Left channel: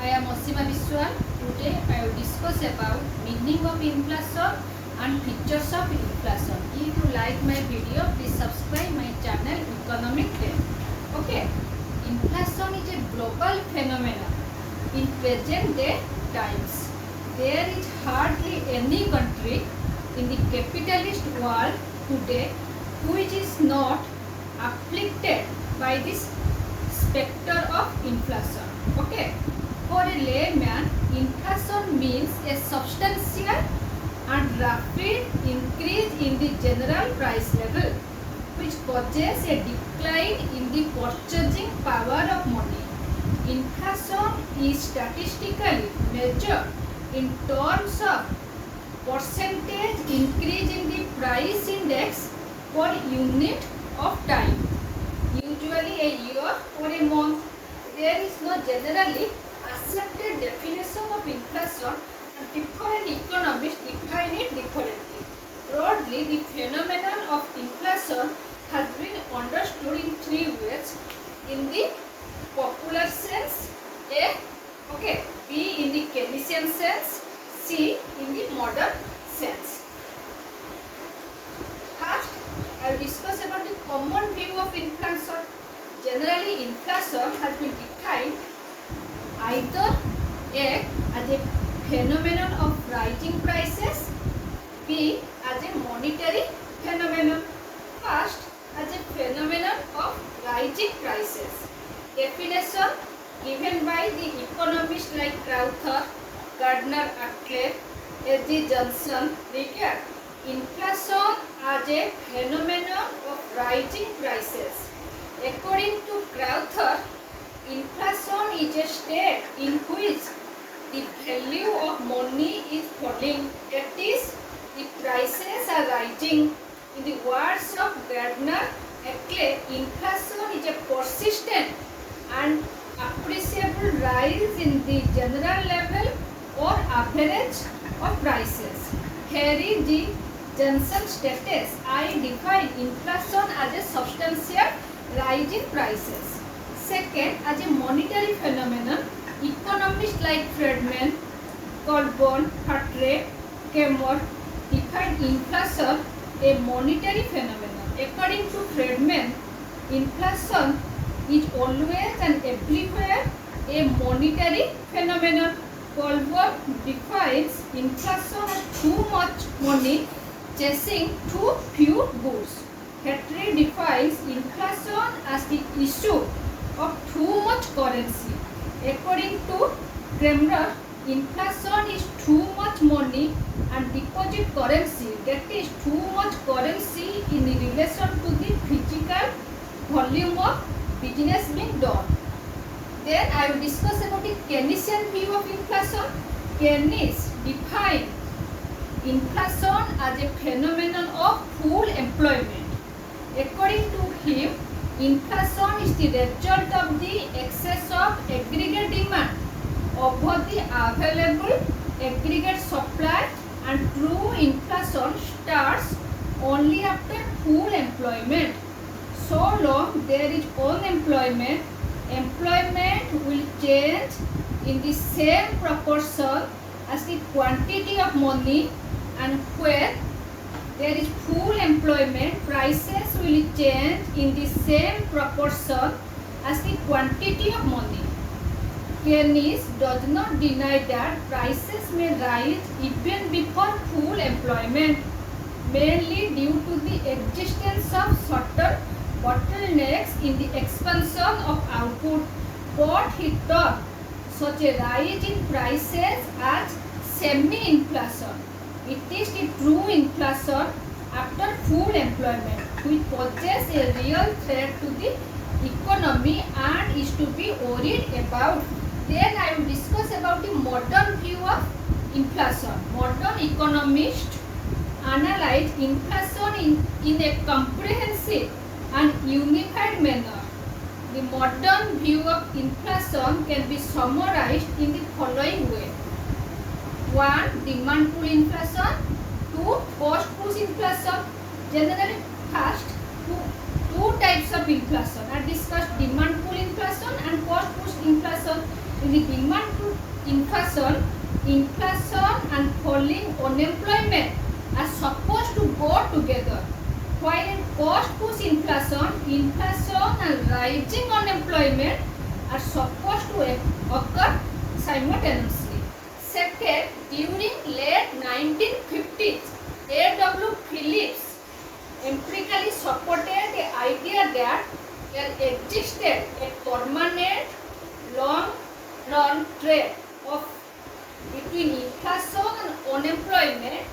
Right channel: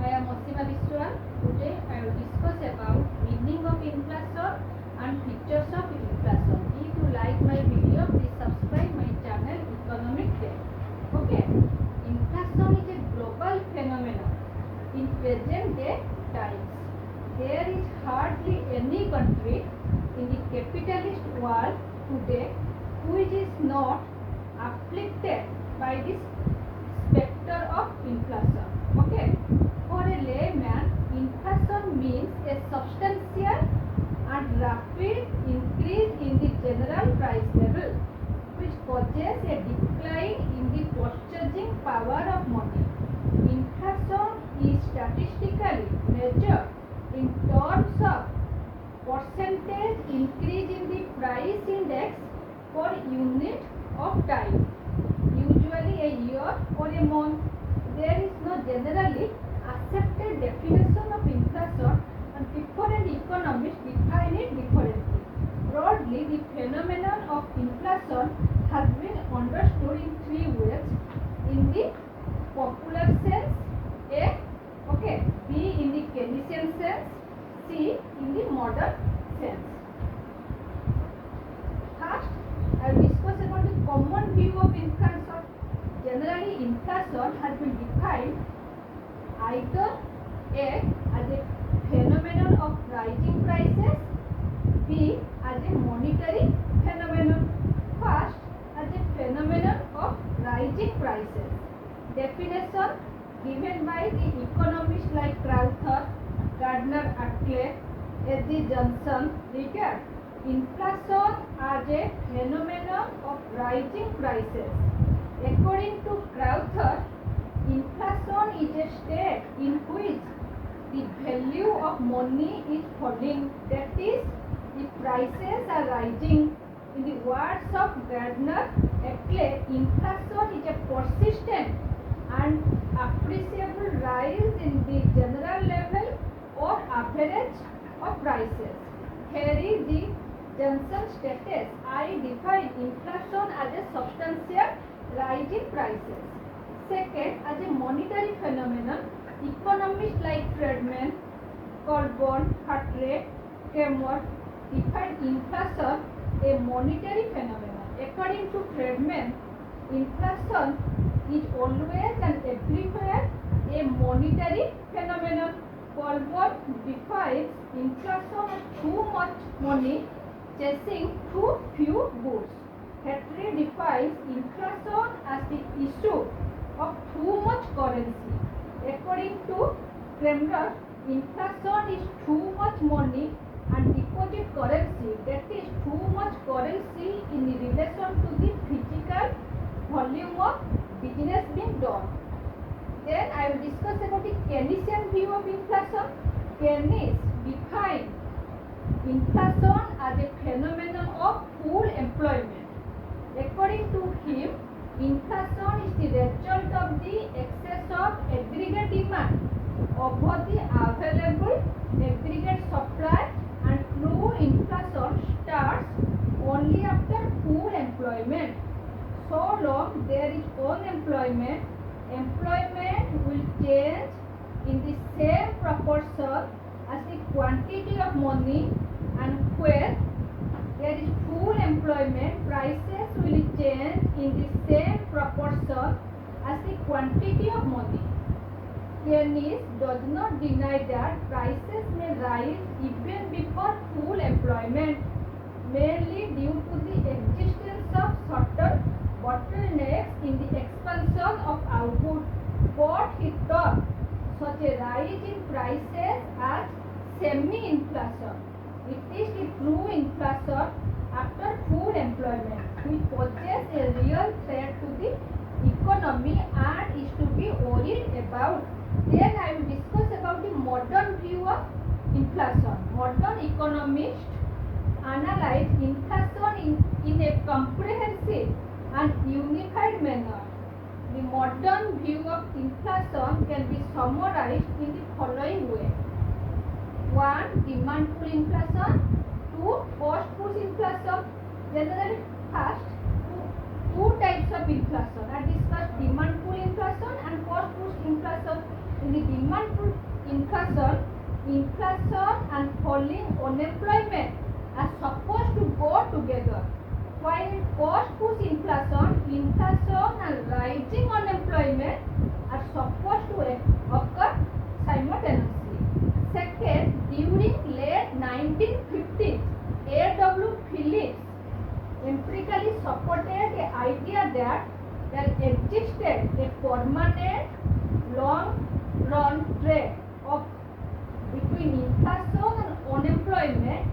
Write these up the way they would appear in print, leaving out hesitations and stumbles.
I am Osima Biswal. Today I will discuss about meaning of inflation and features of inflation. If you like my video, please subscribe my channel Economic Trend. Okay, inflation is a global phenomenon in present day times. There is hardly any country in the capitalist world today which is not afflicted by this specter of inflation. Okay, for a layman, inflation means a substantial and rapid increase in the general price level, which causes a decline in the purchasing power of money. Inflation is statistically measured in terms of percentage increase in the price index per unit of time, usually a year or a month. There is no generally accepted definition of inflation and different economists define it differently. Broadly, the phenomenon of inflation has been understood in three ways: in the popular sense, A, okay, B in the Keynesian sense, C in the modern sense. First, I will discuss about the common view of inflation. Generally, inflation has been defined either A as a phenomenon of rising prices, B as a monetary phenomenon. First, as a phenomenon of rising prices. Definition given by the economists like Crowther, Gardner Ackley, S.G. Johnson regard inflation as a phenomenon of rising prices. According to Crowther, inflation is a state in which the value of money is falling, that is, the prices are rising. In the words of Gardner Ackley, inflation is a persistent and appreciable rise in the general level or average of prices. Harry G. Johnson states, I define inflation as a substantial rise in prices. Second, as a monetary phenomenon, economists like Friedman, Colburn, Hartley, Kemmer define inflation a monetary phenomenon. According to Friedman, inflation is always and everywhere a monetary phenomenon. Colburn defines inflation as too much money chasing too few goods. Hartley defines inflation as the issue of too much currency. According to Kramer, inflation is too much money and deposit currency, that is too much currency in relation to the physical volume of business being done. Then I will discuss about the Keynesian view of inflation. Keynes defined inflation as a phenomenon of full employment. According to him, inflation is the result of the excess of aggregate demand over the available aggregate supply, and true inflation starts only after full employment. So long there is unemployment, employment will change in the same proportion as the quantity of money, and where there is full employment, prices will change in the same proportion as the quantity of money. Keynes does not deny that prices may rise even before full employment, mainly due to the existence of certain bottlenecks in the expansion of output, but he taught such a rise in prices as semi-inflation. It is the true inflation after full employment which poses a real threat to the economy and is to be worried about. Then I will discuss about the modern view of inflation. Modern economists analyze inflation in a comprehensive and unified manner. The modern view of inflation can be summarized in the following way. 1. Demand pull inflation. 2. Cost push inflation. Generally, first, two types of inflation are discussed: demand pull inflation and cost push inflation. In the demand push inflation, inflation and falling unemployment are supposed to go together. While in cost push inflation, inflation and rising unemployment are supposed to occur simultaneously. Second, during late 1950s, A.W. Phillips empirically supported the idea that there existed a permanent long-run trade off between inflation and unemployment,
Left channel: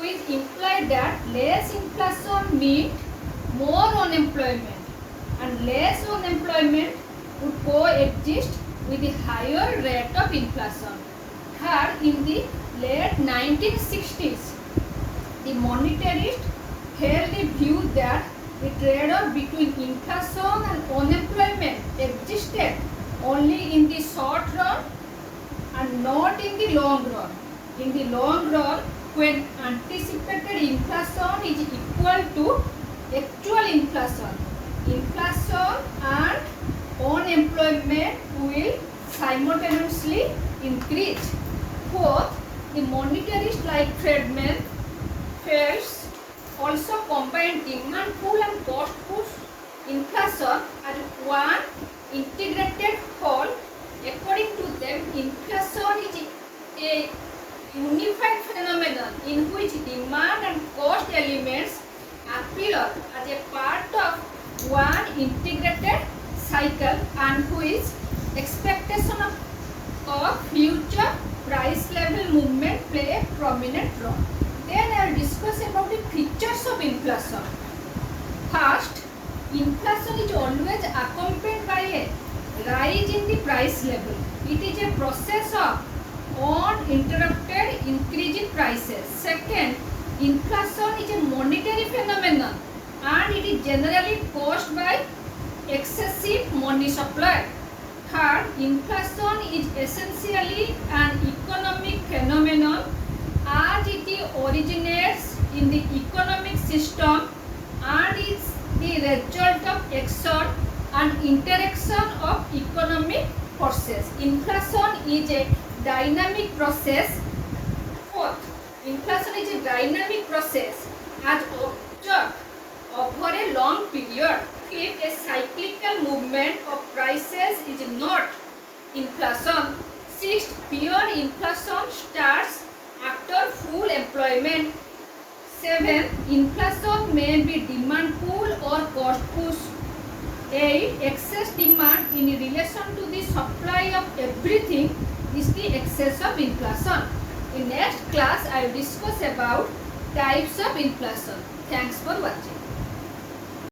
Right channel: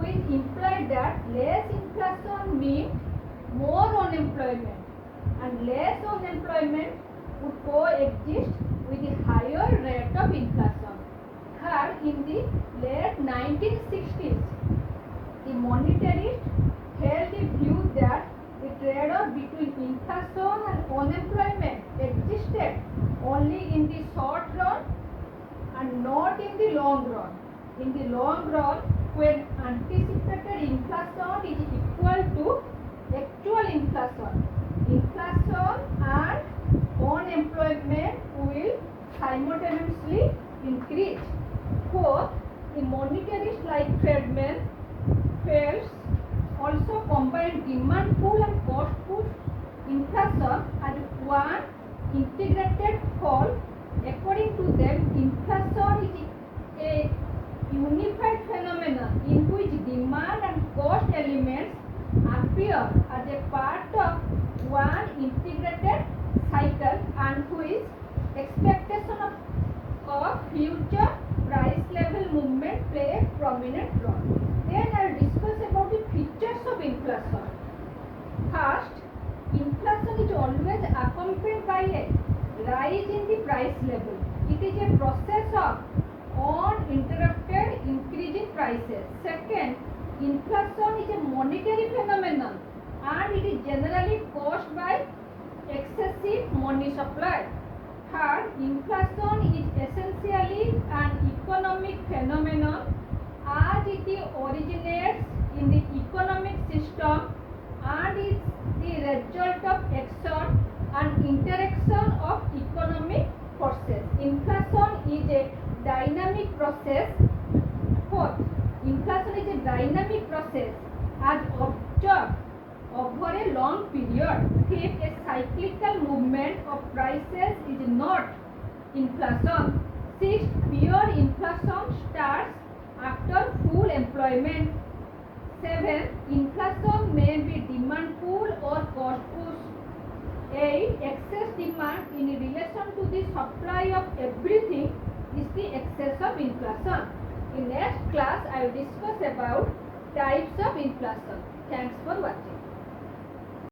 which implied that less inflation meant more unemployment and less unemployment would coexist with the higher rate of inflation. Third, in the late 1960s, the monetarists held the view that the trade-off between inflation and unemployment existed only in the short run and not in the long run. In the long run, when anticipated inflation is equal to actual inflation, inflation and unemployment will simultaneously increase. Fourth, the monetarists like Friedman Fels also combined demand pull and cost push inflation as one integrated whole. According to them, inflation is a unified phenomenon in which demand and cost elements appear as a part of one integrated cycle and which expectation of future price level movement play a prominent role. Then I will discuss about the features of inflation. First, inflation is always accompanied by a rise in the price level. It is a process of uninterrupted increase in prices. Second, inflation is a monetary phenomenon and it is generally caused by excessive money supply. Third, inflation is essentially an economic phenomenon as it originates in the economic system and is the result of action and interaction of economic forces. Inflation is a dynamic process. Fourth, inflation is a dynamic process as observed over a long period. Fifth, a cyclical movement of prices is not inflation. Sixth, pure inflation starts after full employment. Seventh, inflation may be demand pull or cost push. 8. Excess demand in relation to the supply of everything is the excess of inflation. In next class, I will discuss about types of inflation. Thanks for watching.